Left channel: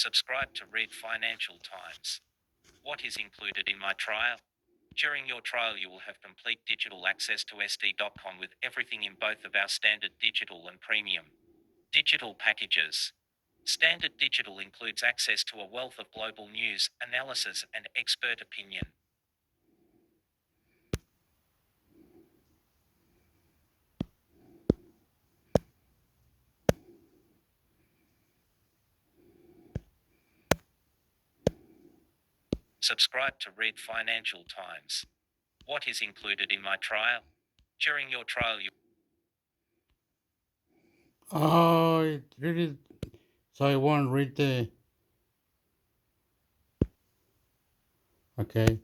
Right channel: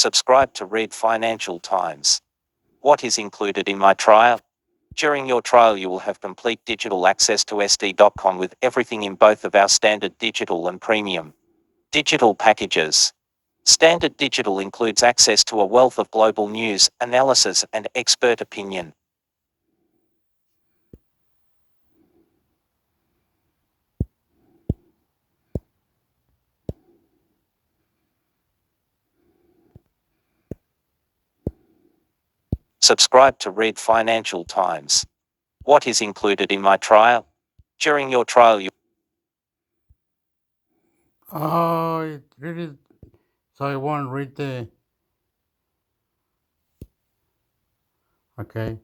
Subscribe to Read Financial Times. What is included in my trial? During your trial, you will have complete digital access to SD.com with everything in both of our standard digital and premium digital packages. Standard digital includes access to a wealth of global news, analysis, and expert opinion. Subscribe to Read Financial Times. What is included in my trial? During your trial, you Oh, it really. So I won't read the. Okay.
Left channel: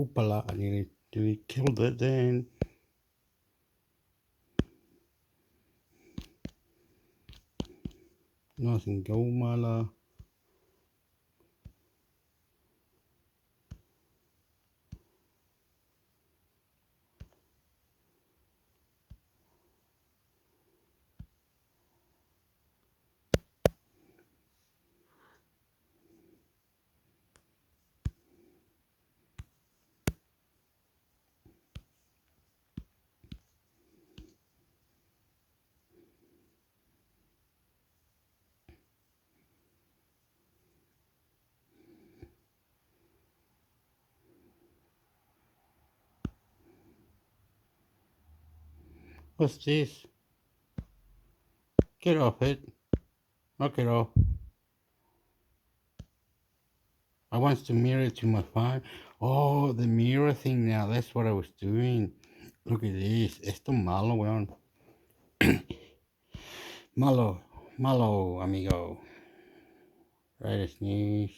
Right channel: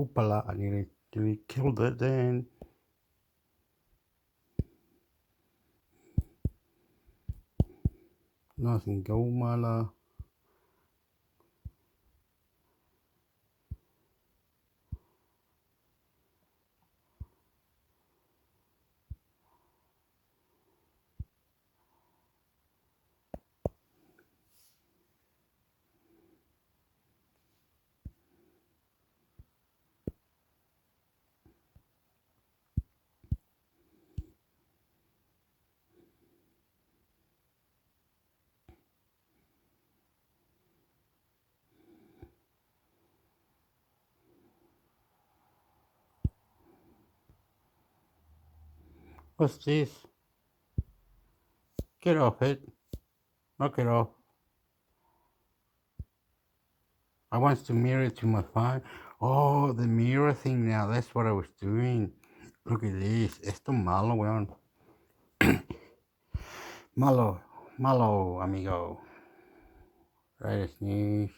Hoopala, I nearly killed it then. Nothing go, mala. What's this? Get off it. Knock it off. I want to mirror it to my phone. Oh, the mirror thing now. That's what I was doing. Look at this. Esto malo, weón. Malo. Malo, amigo. Right, sneeze.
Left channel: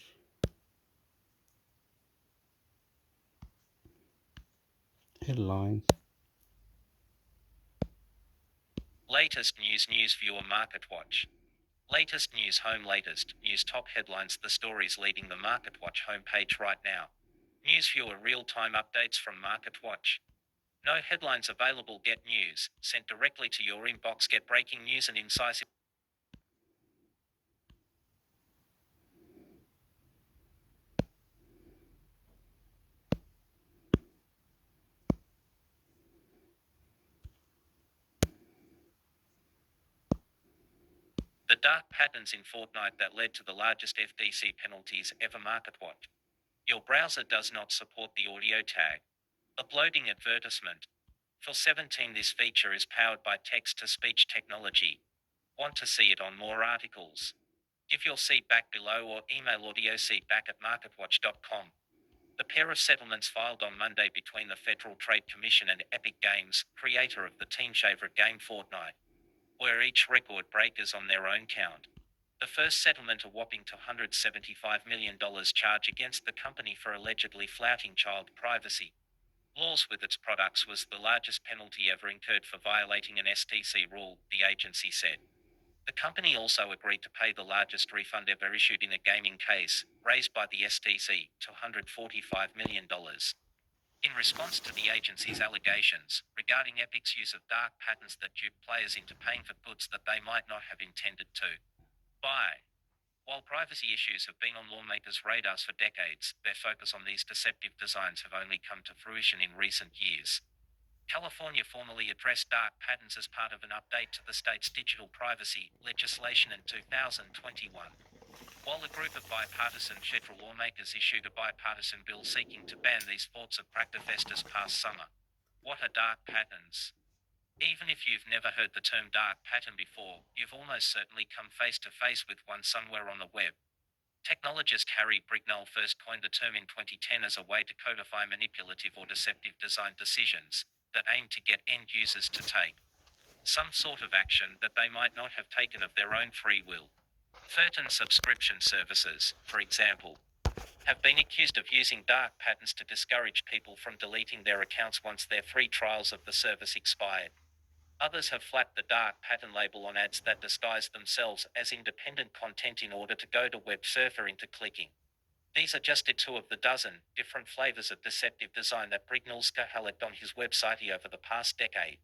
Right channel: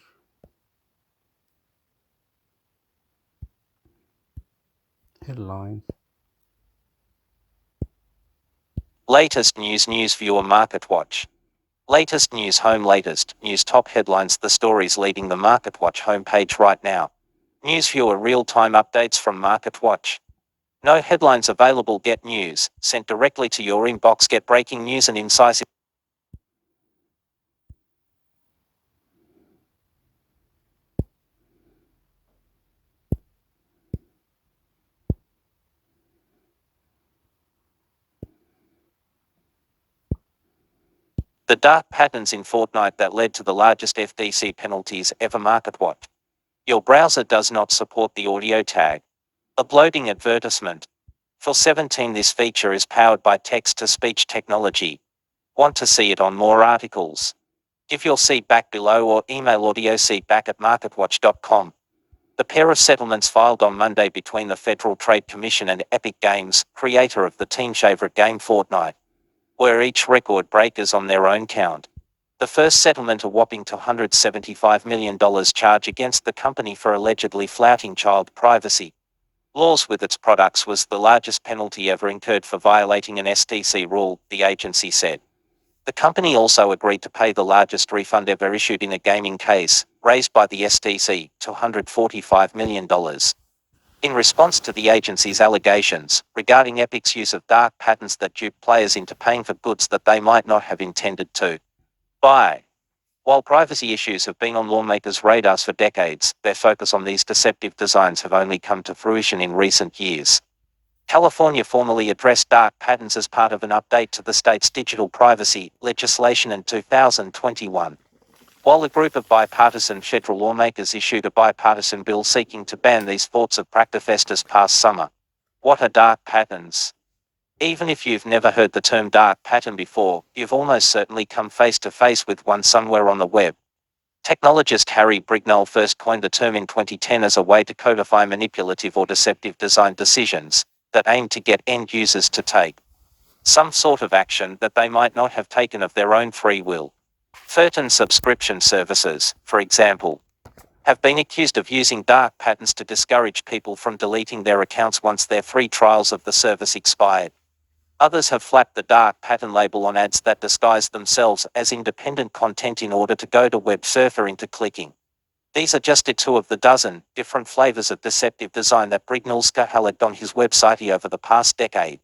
Headlines. latest news viewer Market Watch. Latest news home latest news top headlines the stories leading the Market Watch homepage right now. News viewer real-time updates from Market Watch. No headlines available. Get news sent directly to your inbox. Get breaking news and incisive. The dark patterns in Fortnite that led to the largest FTC penalties ever. Market Watch. Your browser does not support the audio tag. Uploading advertisement. For 17, this feature is powered by text-to-speech technology. Want to see it on more articles? Give your feedback below or email audiofeedback@marketwatch.com. The pair of settlements filed on Monday between the Federal Trade Commission and Epic Games, creator of the teen favorite game Fortnite, were each record breakers on their own count. The first settlement, a whopping $275 million charge against the company for allegedly flouting child privacy laws with its products, was the largest penalty ever incurred for violating an STC rule, the agency said. The company also agreed to pay the largest refund ever issued in a gaming case, raised by the STC, $245 million. In response to the agency's allegations regarding Epic's use of dark patterns that dupe players into paying for goods that they might not have intended to buy. While privacy issues have been on lawmakers' radars for decades, their focus on these deceptive designs have only come to fruition in recent years. California formally addressed dark patterns as part of an update to the state's digital privacy legislation in 2021. While a group of bipartisan federal lawmakers issued a bipartisan bill seeking to ban these sorts of practice this past summer. What are dark patterns? Even if you've never heard the term dark pattern before, you've almost certainly come face to face with one somewhere on the web. Technologist Harry Brignall first coined the term in 2010 as a way to codify manipulative or deceptive design decisions that aim to get end users to take some sort of action that they might not have taken of their own free will. Certain subscription services, for example, have been accused of using dark patterns to discourage people from deleting their accounts once their free trials of the service expired. Others have flapped the dark pattern label on ads that disguise themselves as independent content in order to goad a web surfer into clicking. These are just two of the dozen different flavors of deceptive design that Brignolska has had on his website over the past decade.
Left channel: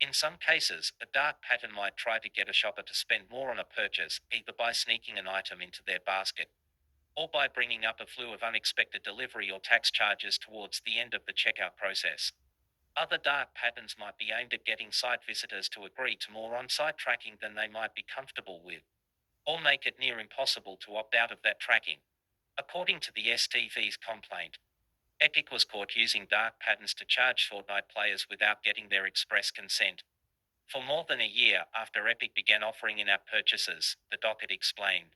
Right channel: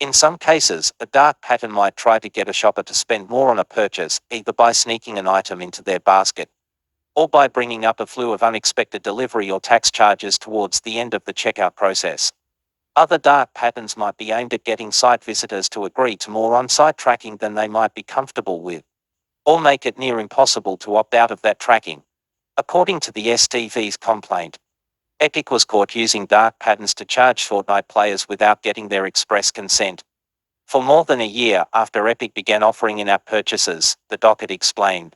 In some cases, a dark pattern might try to get a shopper to spend more on a purchase, either by sneaking an item into their basket, or by bringing up a slew of unexpected delivery or tax charges towards the end of the checkout process. Other dark patterns might be aimed at getting site visitors to agree to more on-site tracking than they might be comfortable with, or make it near impossible to opt out of that tracking. According to the STV's complaint, Epic was caught using dark patterns to charge Fortnite players without getting their express consent. For more than a year after Epic began offering in-app purchases, the docket explained,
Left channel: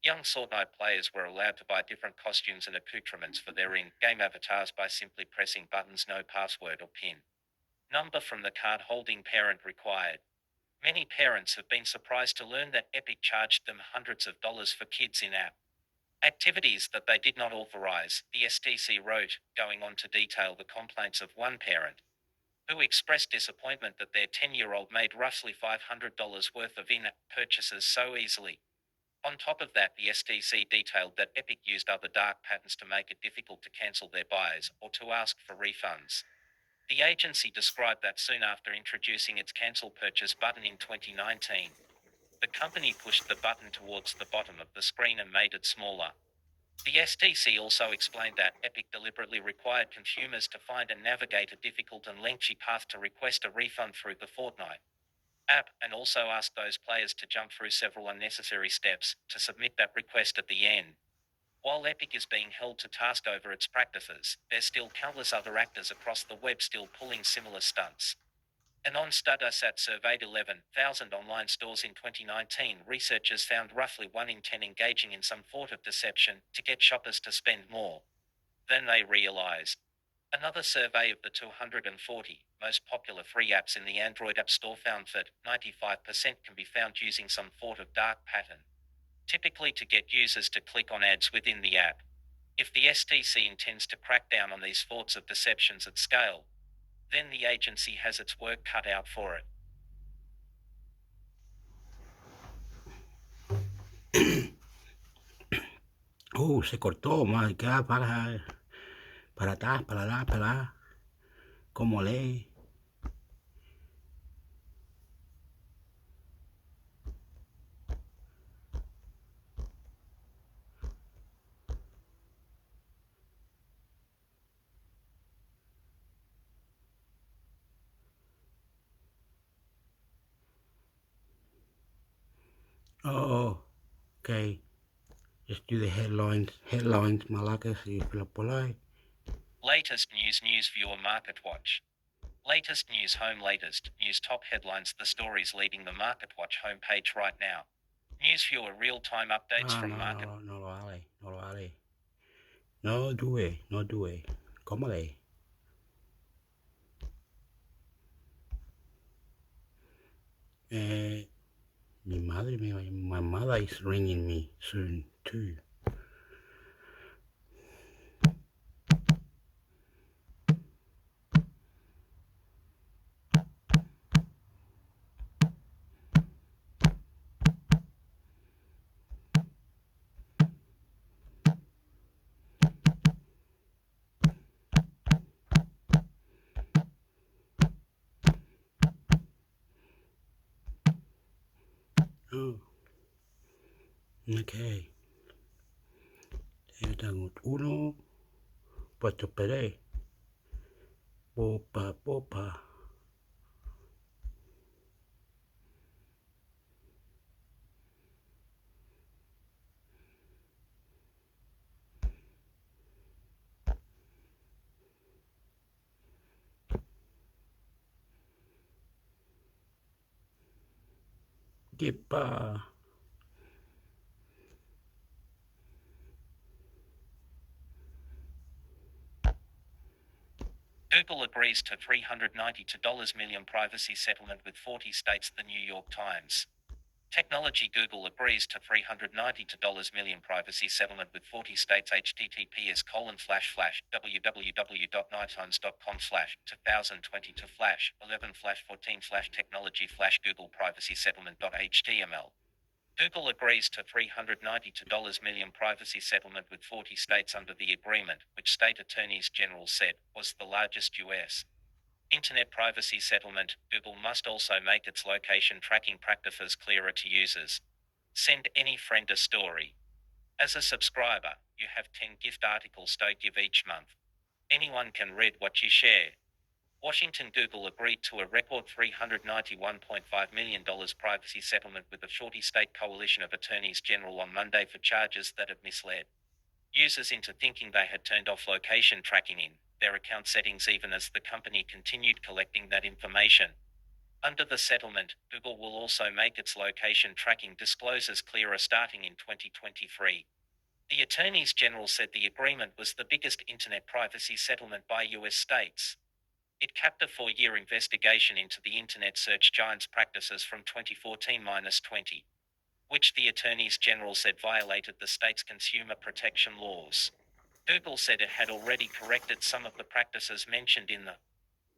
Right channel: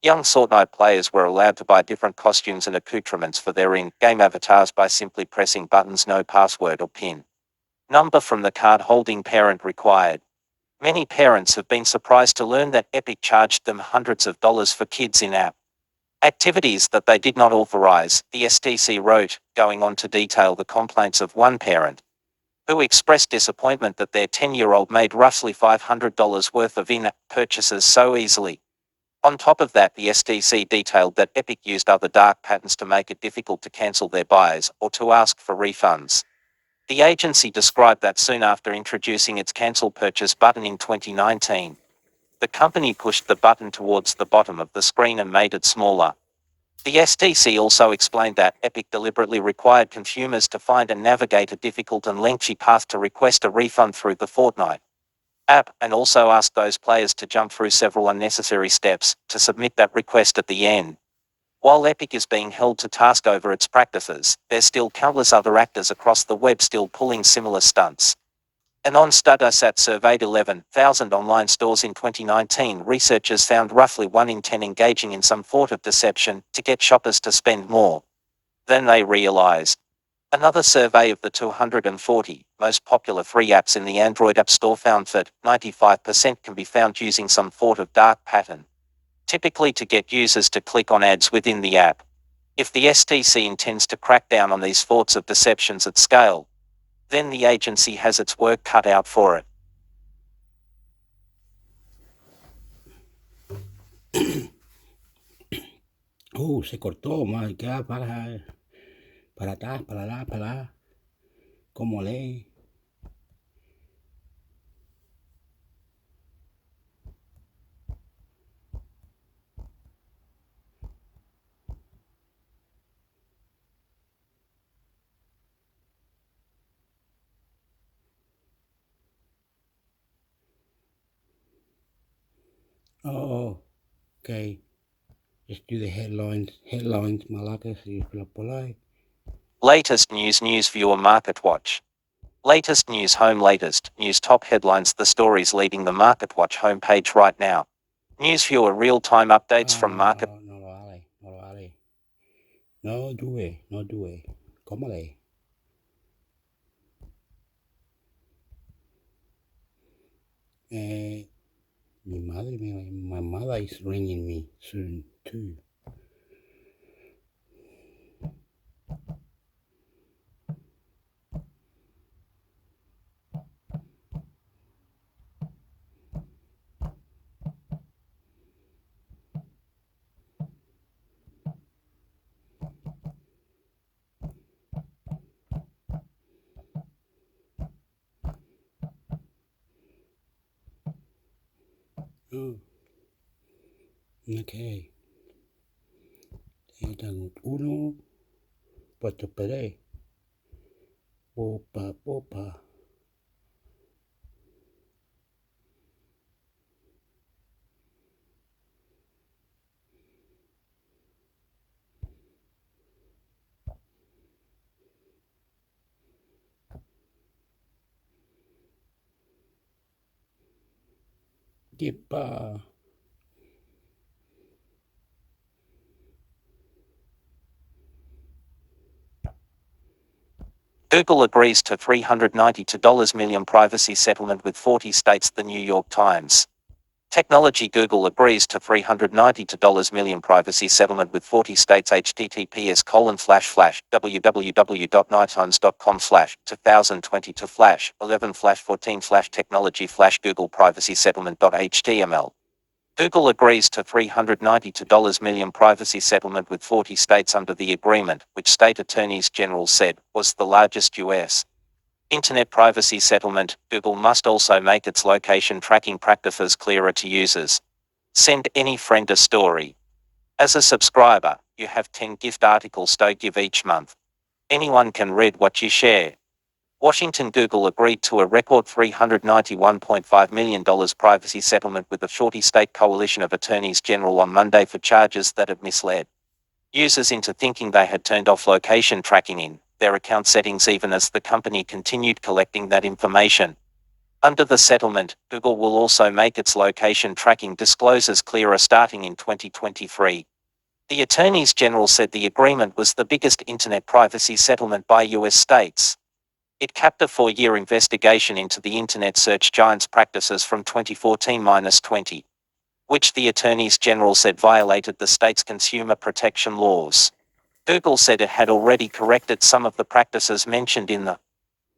young Fortnite players were allowed to buy different costumes and accoutrements for their in-game avatars by simply pressing buttons no password or PIN number from the card-holding parent required. Many parents have been surprised to learn that Epic charged them hundreds of dollars for kids in-app activities that they did not authorize, the STC wrote, going on to detail the complaints of one parent who expressed disappointment that their 10-year-old made roughly $500 worth of in-app purchases so easily. On top of that, the STC detailed that Epic used other dark patterns to make it difficult to cancel their buys or to ask for refunds. The agency described that soon after introducing its cancel purchase button in 2019, the company pushed the button towards the bottom of the screen and made it smaller. The STC also explained that Epic deliberately required consumers to find and navigate a difficult and lengthy path to request a refund through the Fortnite app, and also asked those players to jump through several unnecessary steps to submit that request at the end. While Epic is being held to task over its practices, there's still countless other actors across the web still pulling similar stunts. An on-Studasat surveyed 11,000 online stores in 2019. Researchers found roughly 1 in 10 engaging in some sort of deception to get shoppers to spend more than they realized. Another survey of the 240 most popular free apps in the Android App Store found that 95% can be found using some sort of dark pattern, typically to get users to click on ads within the app. If the STC intends to crack down on these sorts of deceptions at scale, then the agency has its work cut out for it. Se cortó, madre, queda para atrás, para allá, para allá. ¿Cómo lee? Oh, okay. Just do the headlines, Malakas, if you're polite. Latest news viewer Market Watch. Latest news home latest news top headlines the stories leading the Market Watch homepage right now. News viewer real-time updates from Market. No lo vale, no lo vale. No do it. ¿Cómo lee? Mi madre, my mother is ringing me soon too. Oh, okay. Tengo uno, pues te esperé. Popa. Yepa. Google agrees to $392 million privacy settlement with 40 states. The New York Times. Technology. Google agrees to $392 million privacy settlement with 40 states. https://www.nighttimes.com/2020/11/14/technology/Google privacy settlement.html. Google agrees to $392 million privacy settlement with 40 states under the agreement, which state attorneys general said was the largest U.S. Internet privacy settlement. Google must also make its location tracking practices clearer to users. Send any friend a story. As a subscriber, you have 10 gift articles to give each month. Anyone can read what you share. Washington. Google agreed to a record $391.5 million privacy settlement with the 40-state coalition of attorneys general on Monday for charges that had misled users into thinking they had turned off location tracking in their account settings even as the company continued collecting that information. Under the settlement, Google will also make its location tracking disclosures clearer starting in 2023. The attorneys general said the agreement was the biggest internet privacy settlement by U.S. states. It capped a 4-year investigation into the internet search giant's practices from 2014-20, which the attorneys general said violated the state's consumer protection laws. Google said it had already corrected some of the practices mentioned in the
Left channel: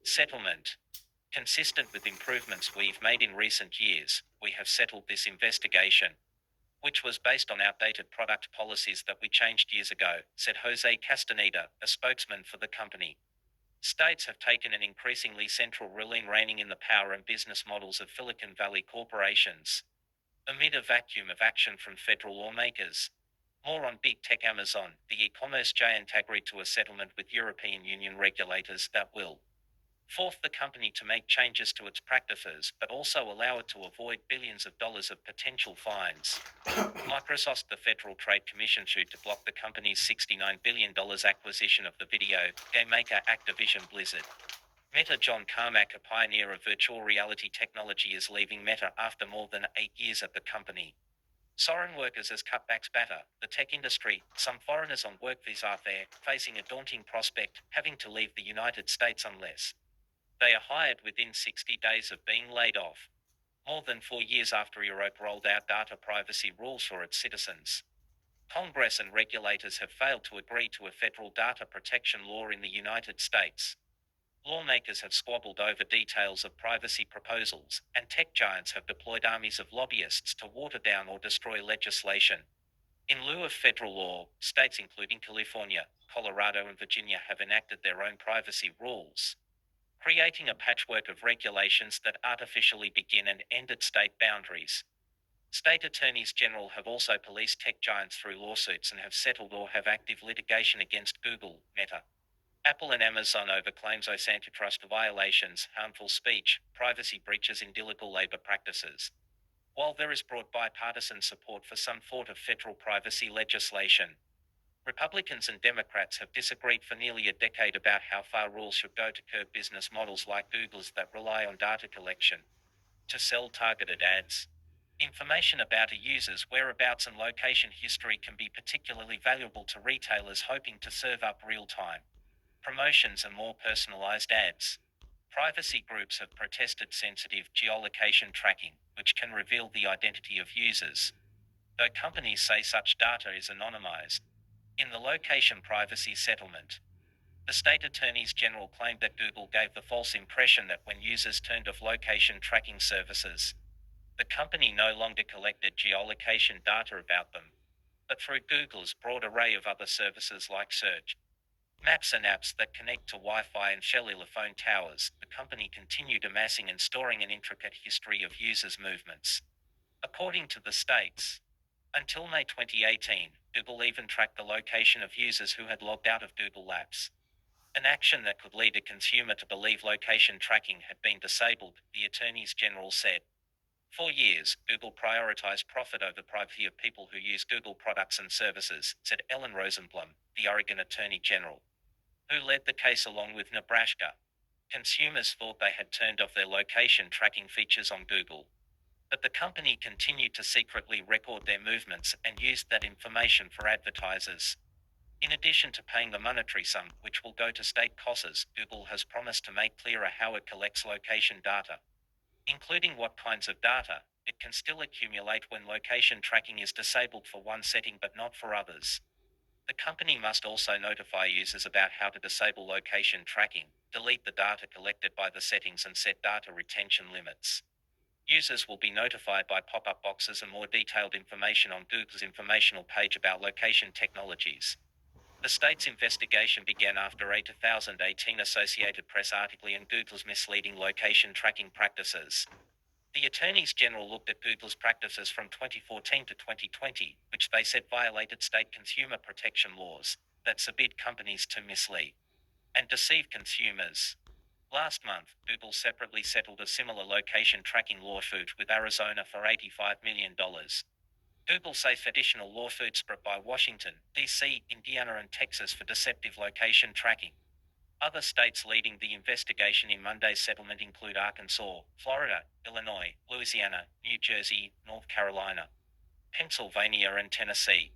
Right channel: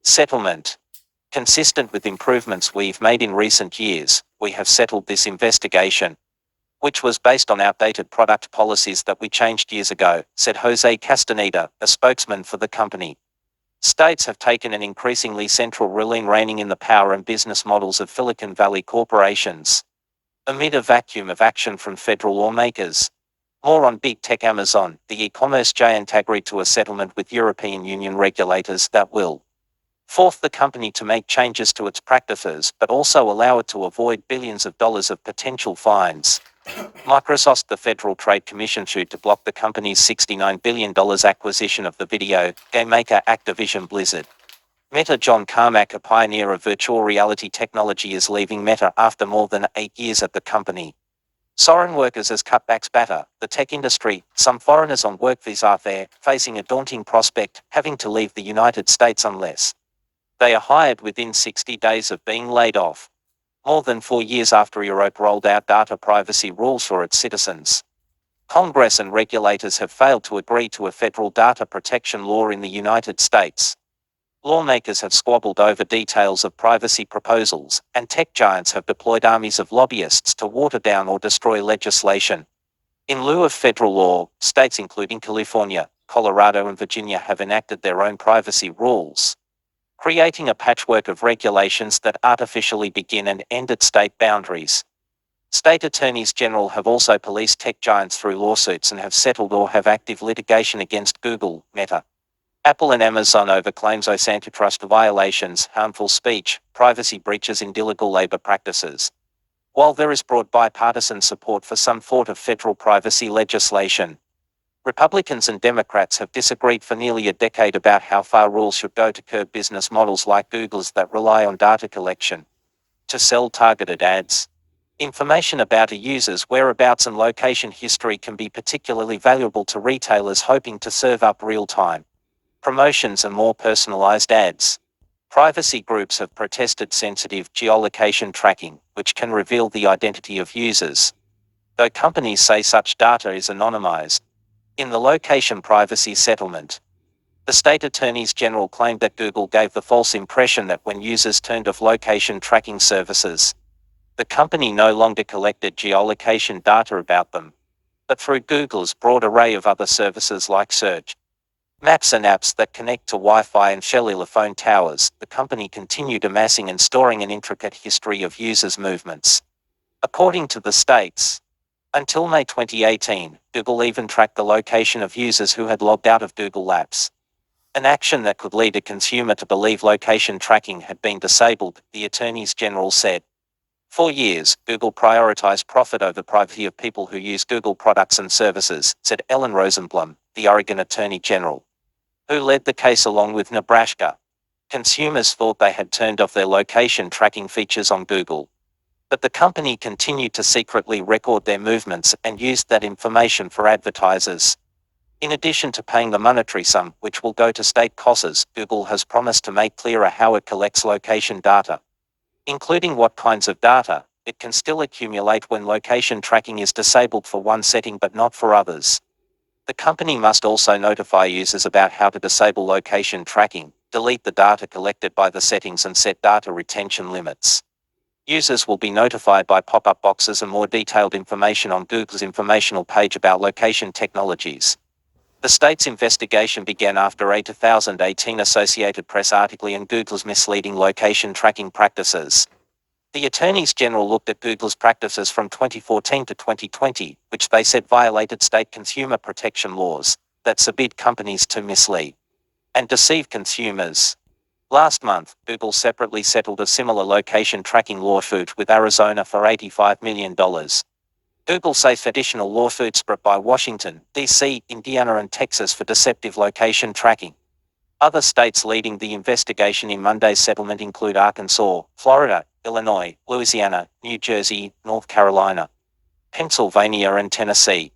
settlement. Consistent with improvements we've made in recent years, we have settled this investigation, which was based on outdated product policies that we changed years ago, said Jose Castaneda, a spokesman for the company. States have taken an increasingly central role in reining in the power and business models of Silicon Valley corporations, amid a vacuum of action from federal lawmakers. More on big tech. Amazon. The e-commerce giant agreed to a settlement with European Union regulators that will force the company to make changes to its practices but also allow it to avoid billions of dollars of potential fines. Microsoft. The Federal Trade Commission sued to block the company's $69 billion acquisition of the video game maker Activision Blizzard. Meta. John Carmack, a pioneer of virtual reality technology, is leaving Meta after more than 8 years at the company. Foreign workers as cutbacks batter the tech industry. Some foreigners on work visas are there, facing a daunting prospect, having to leave the United States unless they are hired within 60 days of being laid off. More than 4 years after Europe rolled out data privacy rules for its citizens, Congress and regulators have failed to agree to a federal data protection law in the United States. Lawmakers have squabbled over details of privacy proposals, and tech giants have deployed armies of lobbyists to water down or destroy legislation. In lieu of federal law, states including California, Colorado, and Virginia have enacted their own privacy rules, creating a patchwork of regulations that artificially begin and end at state boundaries. State attorneys general have also policed tech giants through lawsuits and have settled or have active litigation against Google, Meta, Apple, and Amazon over claims of antitrust violations, harmful speech, privacy breaches, and illegal labor practices. While there is broad bipartisan support for some sort of federal privacy legislation, Republicans and Democrats have disagreed for nearly a decade about how far rules should go to curb business models like Google's that rely on data collection to sell targeted ads. Information about a user's whereabouts and location history can be particularly valuable to retailers hoping to serve up real-time promotions and more personalized ads. Privacy groups have protested sensitive geolocation tracking, which can reveal the identity of users, though companies say such data is anonymized. In the location privacy settlement, the state attorneys general claimed that Google gave the false impression that when users turned off location tracking services, the company no longer collected geolocation data about them, but through Google's broad array of other services like search, maps, and apps that connect to Wi-Fi and cellular phone towers, the company continued amassing and storing an intricate history of users' movements. According to the states, until May 2018, Google even tracked the location of users who had logged out of Google Apps, an action that could lead a consumer to believe location tracking had been disabled, the attorneys general said. For years, Google prioritized profit over privacy of people who use Google products and services, said Ellen Rosenblum, the Oregon Attorney General, who led the case along with Nebraska. Consumers thought they had turned off their location tracking features on Google, but the company continued to secretly record their movements and used that information for advertisers. In addition to paying the monetary sum, which will go to state coffers, Google has promised to make clearer how it collects location data, including what kinds of data it can still accumulate when location tracking is disabled for one setting but not for others. The company must also notify users about how to disable location tracking, delete the data collected by the settings, and set data retention limits. Users will be notified by pop-up boxes and more detailed information on Google's informational page about location technologies. The state's investigation began after a 2018 Associated Press article on Google's misleading location tracking practices. The attorneys general looked at Google's practices from 2014 to 2020, which they said violated state consumer protection laws that forbid companies to mislead and deceive consumers. Last month, Google separately settled a similar location tracking lawsuit with Arizona for $85 million. Google says additional lawsuits brought by Washington, D.C., Indiana, and Texas for deceptive location tracking. Other states leading the investigation in Monday's settlement include Arkansas, Florida, Illinois, Louisiana, New Jersey, North Carolina, Pennsylvania, and Tennessee.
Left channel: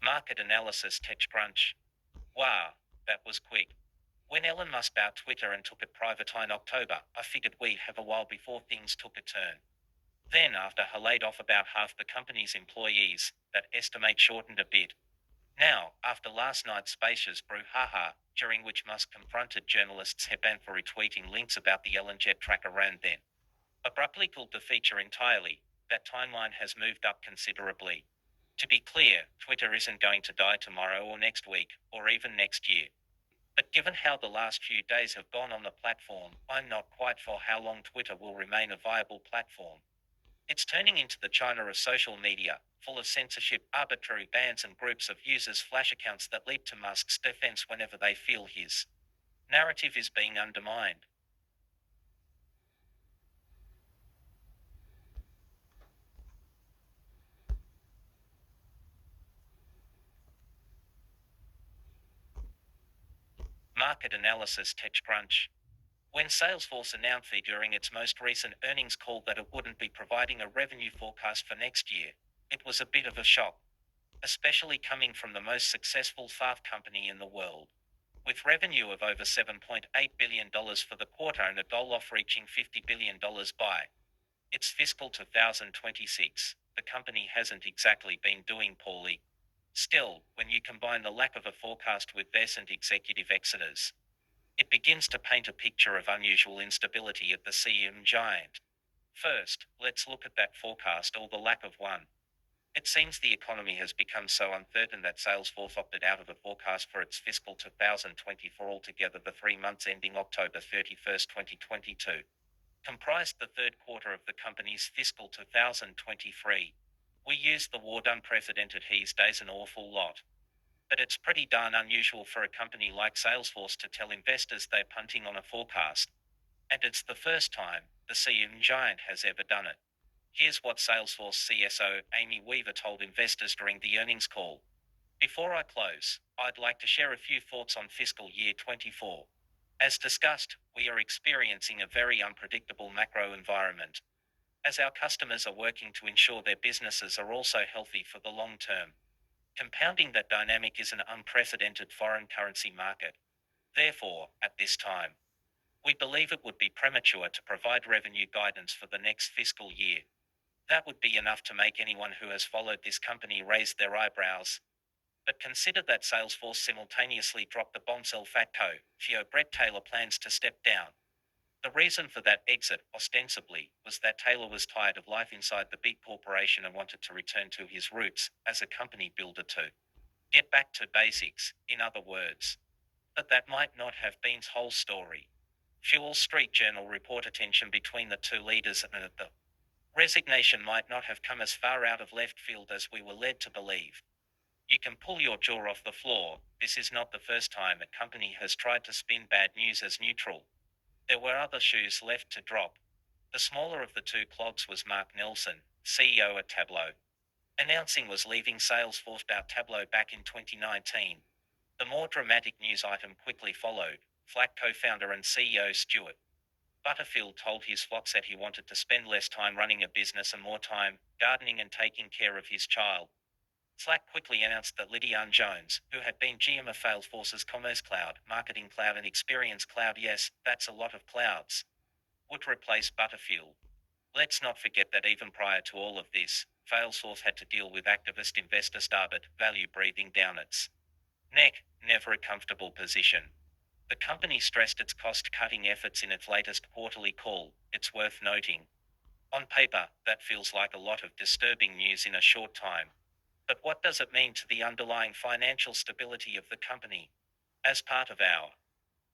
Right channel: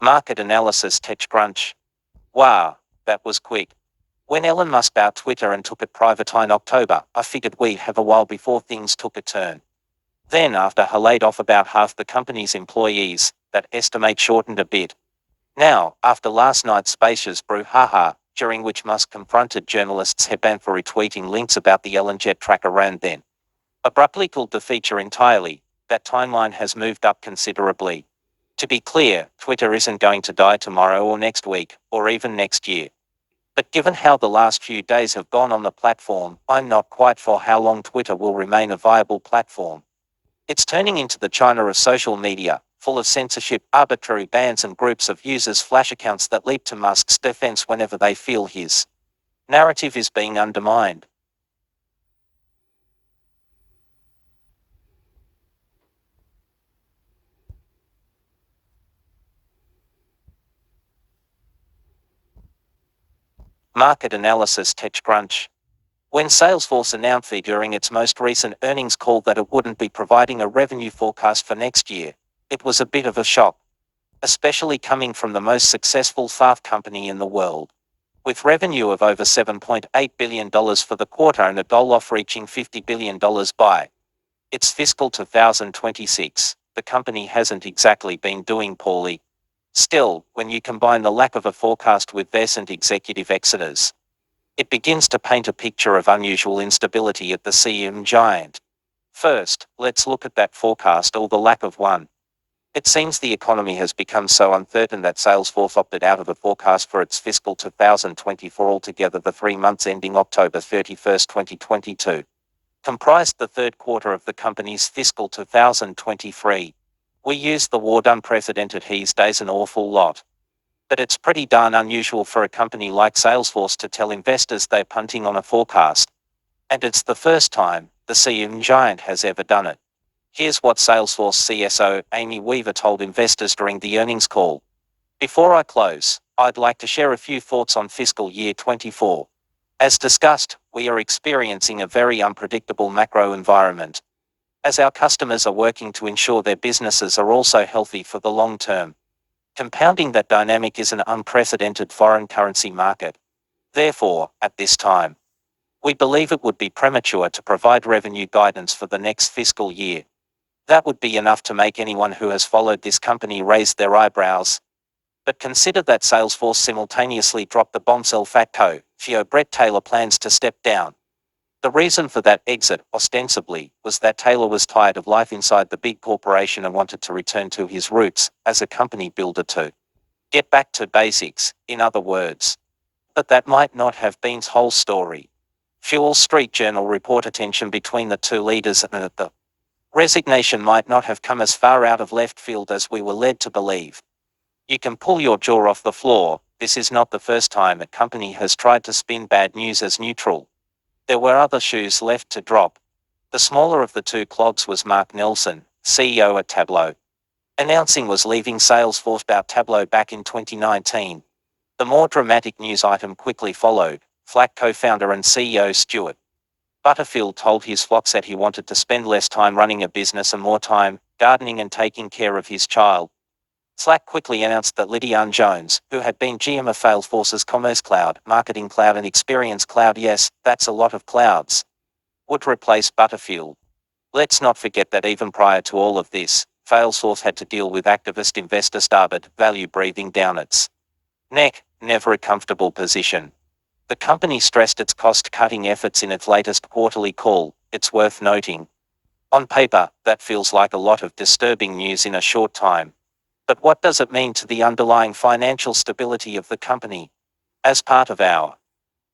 Market analysis TechCrunch. Wow, that was quick. When Elon Musk bought Twitter and took it private in October, I figured we'd have a while before things took a turn. Then, after he laid off about half the company's employees, that estimate shortened a bit. Now, after last night's spacious brouhaha, during which Musk confronted journalists headband for retweeting links about the Elon jet tracker and then abruptly pulled the feature entirely, that timeline has moved up considerably. To be clear, Twitter isn't going to die tomorrow or next week, or even next year. But given how the last few days have gone on the platform, I'm not quite sure how long Twitter will remain a viable platform. It's turning into the China of social media, full of censorship, arbitrary bans, and groups of users' flash accounts that leap to Musk's defense whenever they feel his narrative is being undermined. Market analysis TechCrunch. When Salesforce announced during its most recent earnings call that it wouldn't be providing a revenue forecast for next year, it was a bit of a shock, especially coming from the most successful SaaS company in the world. With revenue of over $7.8 billion for the quarter and a goal of reaching $50 billion by its fiscal 2026, the company hasn't exactly been doing poorly. Still, when you combine the lack of a forecast with recent executive exodus, It begins to paint a picture of unusual instability at the CM giant. First, let's look at that forecast or the lack of one. It seems the economy has become so uncertain that Salesforce opted out of a forecast for its fiscal 2024 altogether. The 3 months ending October 31st, 2022, comprised the third quarter of the company's fiscal 2023. We use the word unprecedented these days an awful lot. But it's pretty darn unusual for a company like Salesforce to tell investors they're punting on a forecast. And it's the first time the CM giant has ever done it. Here's what Salesforce CSO Amy Weaver told investors during the earnings call. Before I close, I'd like to share a few thoughts on fiscal year 24. As discussed, we are experiencing a very unpredictable macro environment, as our customers are working to ensure their businesses are also healthy for the long term. Compounding that dynamic is an unprecedented foreign currency market. Therefore, at this time, we believe it would be premature to provide revenue guidance for the next fiscal year. That would be enough to make anyone who has followed this company raise their eyebrows. But consider that Salesforce simultaneously dropped the bombshell Fatco, CEO Brett Taylor plans to step down. The reason for that exit, ostensibly, was that Taylor was tired of life inside the big corporation and wanted to return to his roots as a company builder to get back to basics, in other words. But that might not have been the whole story. Wall Street Journal reported tension between the two leaders and that the resignation might not have come as far out of left field as we were led to believe. You can pull your jaw off the floor. This is not the first time a company has tried to spin bad news as neutral. There were other shoes left to drop. The smaller of the two clogs was Mark Nelson, CEO at Tableau, announcing was leaving Salesforce about Tableau back in 2019. The more dramatic news item quickly followed. Slack co-founder and CEO Stuart Butterfield told his flocks that he wanted to spend less time running a business and more time gardening and taking care of his child. Slack quickly announced that Lydiane Jones, who had been GM of Salesforce's Commerce Cloud, Marketing Cloud and Experience Cloud, yes, that's a lot of clouds, would replace Butterfield. Let's not forget that even prior to all of this, Salesforce had to deal with activist investor Starboard Value breathing down its neck, never a comfortable position. The company stressed its cost-cutting efforts in its latest quarterly call. It's worth noting. On paper, that feels like a lot of disturbing news in a short time. But what does it mean to the underlying financial stability of the company? As part of our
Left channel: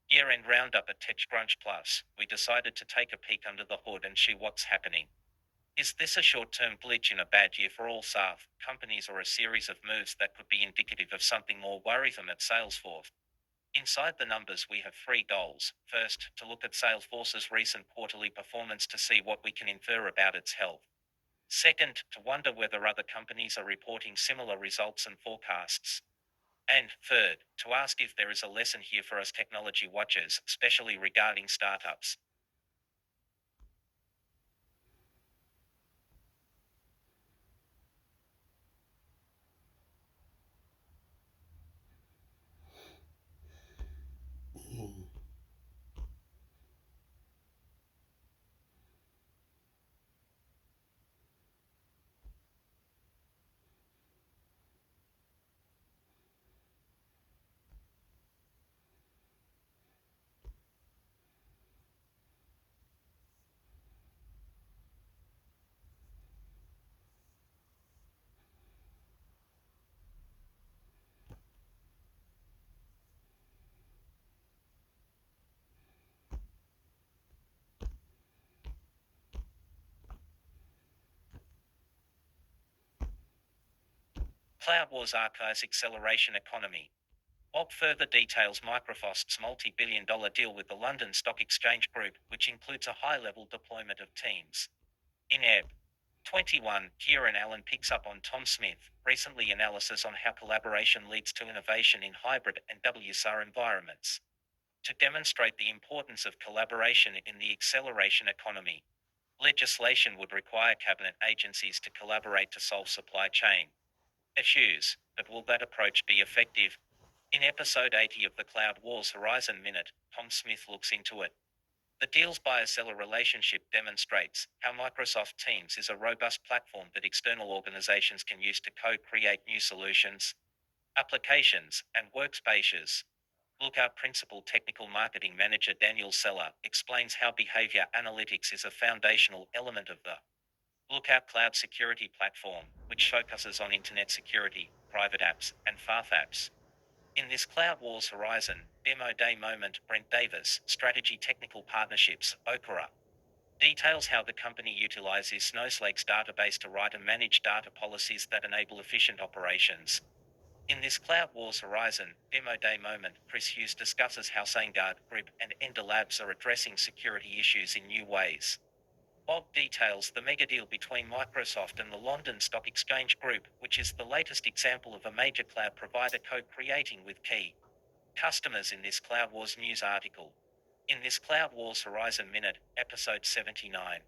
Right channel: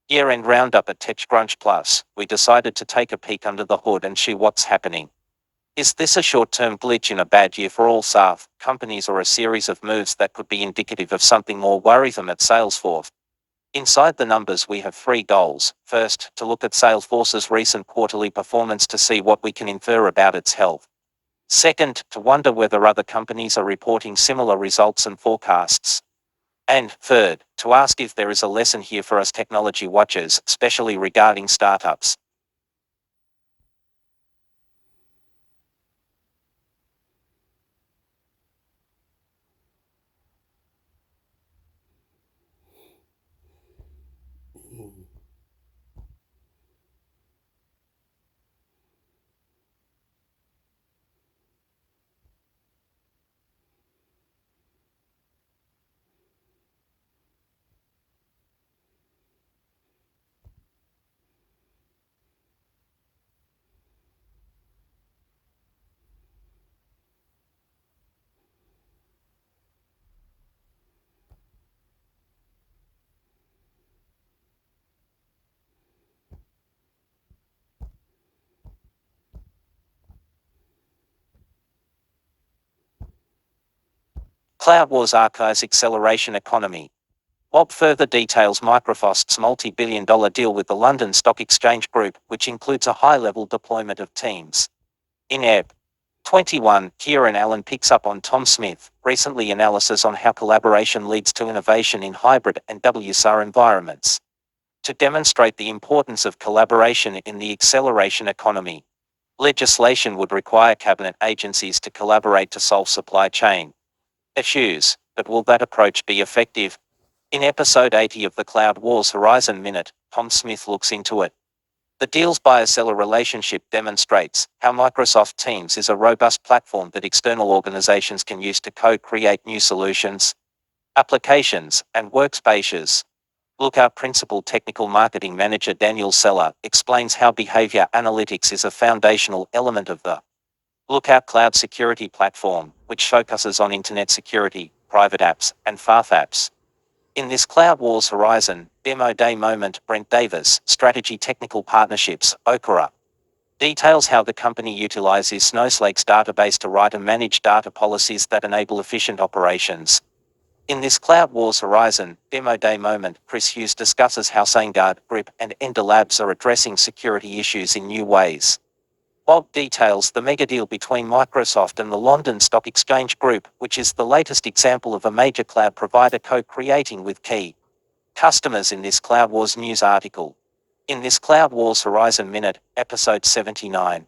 year-end roundup at TechCrunch Plus, we decided to take a peek under the hood and see what's happening. Is this a short-term glitch in a bad year for all SaaS companies or a series of moves that could be indicative of something more worrisome at Salesforce? Inside the numbers we have 3 goals. First, to look at Salesforce's recent quarterly performance to see what we can infer about its health. Second, to wonder whether other companies are reporting similar results and forecasts. And third, to ask if there is a lesson here for us technology watchers, especially regarding startups. Cloud Wars Archives Acceleration Economy. Bob further details Microsoft's multi-billion-dollar deal with the London Stock Exchange Group, which includes a high-level deployment of Teams. In Ebb 21, Kieran Allen picks up on Tom Smith, recently analysis on how collaboration leads to innovation in hybrid and WSR environments. To demonstrate the importance of collaboration in the acceleration economy, legislation would require cabinet agencies to collaborate to solve supply chain issues, but will that approach be effective? In episode 80 of the Cloud Wars Horizon Minute, Tom Smith looks into it. The deal's buyer-seller relationship demonstrates how Microsoft Teams is a robust platform that external organizations can use to co-create new solutions, applications, and workspaces. Lookout Principal Technical Marketing Manager Daniel Seller explains how behavior analytics is a foundational element of the Lookout Cloud Security Platform, which focuses on internet security, private apps, and FAF apps. In this Cloud Wars Horizon Demo Day moment, Brent Davis, Strategy Technical Partnerships, Okra, details how the company utilizes Snowflake's database to write and manage data policies that enable efficient operations. In this Cloud Wars Horizon Demo Day moment, Chris Hughes discusses how SaneGuard, Grip, and Ender Labs are addressing security issues in new ways. Bob details the mega deal between Microsoft and the London Stock Exchange Group, which is the latest example of a major cloud provider co-creating with key customers in this Cloud Wars news article. In this Cloud Wars Horizon Minute, episode 79.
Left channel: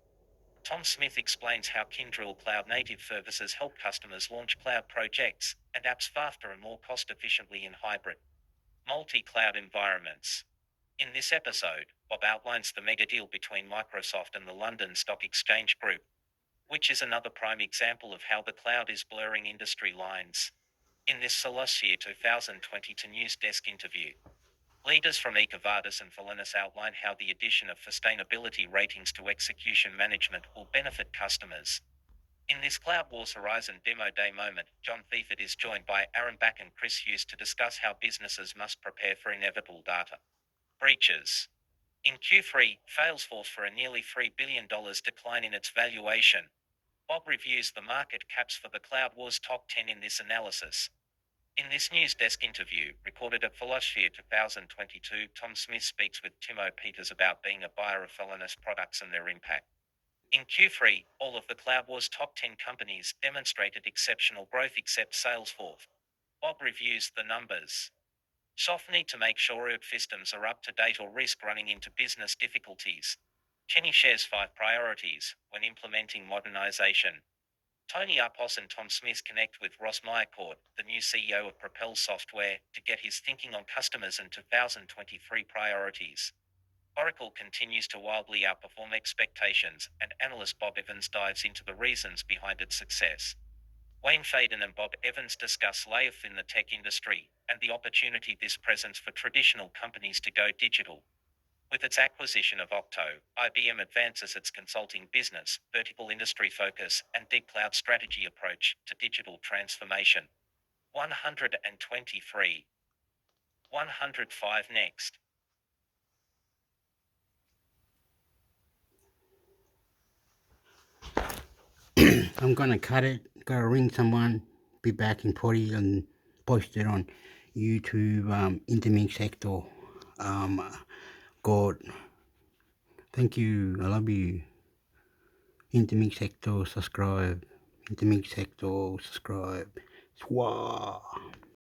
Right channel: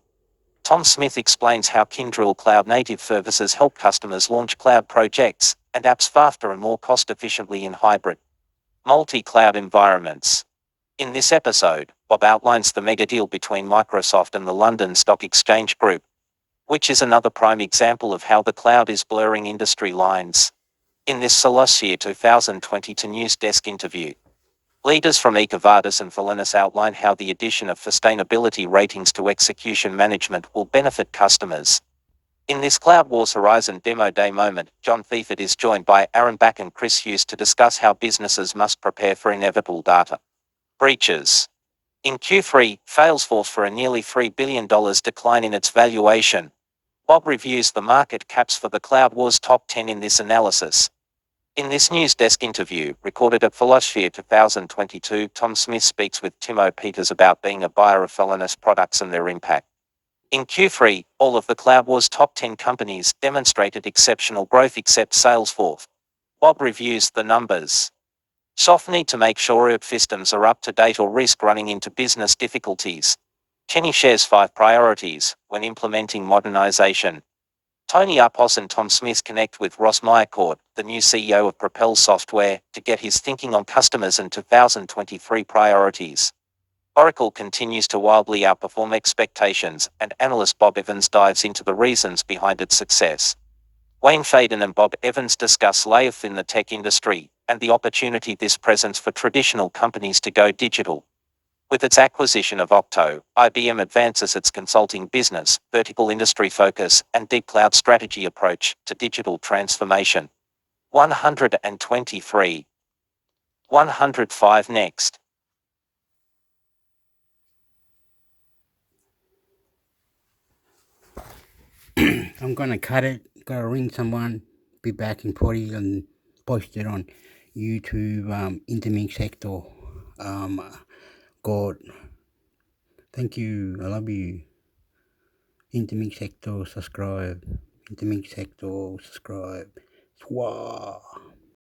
Tom Smith explains how Kyndryl Cloud Native Services help customers launch cloud projects and apps faster and more cost-efficiently in hybrid, multi-cloud environments. In this episode, Bob outlines the mega deal between Microsoft and the London Stock Exchange Group, which is another prime example of how the cloud is blurring industry lines. In this Solossphere 2022 News Desk interview, leaders from EcoVadis and Futuristically outline how the addition of sustainability ratings to execution management will benefit customers. In this Cloud Wars Horizon Demo Day moment, John Thiefert is joined by Aaron Back and Chris Hughes to discuss how businesses must prepare for inevitable data breaches. In Q3, Salesforce for a nearly $3 billion decline in its valuation. Bob reviews the market caps for the Cloud Wars top 10 in this analysis. In this News Desk interview, recorded at Philosphere 2022, Tom Smith speaks with Timo Peters about being a buyer of Futuristically products and their impact. In Q3, all of the Cloud Wars top 10 companies demonstrated exceptional growth except Salesforce. Bob reviews the numbers. Soft need to make sure ERP systems are up to date or risk running into business difficulties. Kenny shares 5 priorities when implementing modernization. Tony Upos and Tom Smith connect with Ross Meyercourt, the new CEO of Propel Software, to get his thinking on customers and 2023 priorities. Oracle continues to wildly outperform expectations, and analyst Bob Evans dives into the reasons behind its success. Wayne Faden and Bob Evans discuss layoff in the tech industry and the opportunity this presents for traditional companies to go digital. With its acquisition of Octo, IBM advances its consulting business, vertical industry focus, and deep cloud strategy approach to digital transformation. 123. 105 next. I'm gonna cut it. Gotta ring someone. Be back in 40 and post it on YouTube. Intermix sector. God. Thank you. I love you. Intermix sector. Subscribe. Intermix sector. Subscribe. Swah.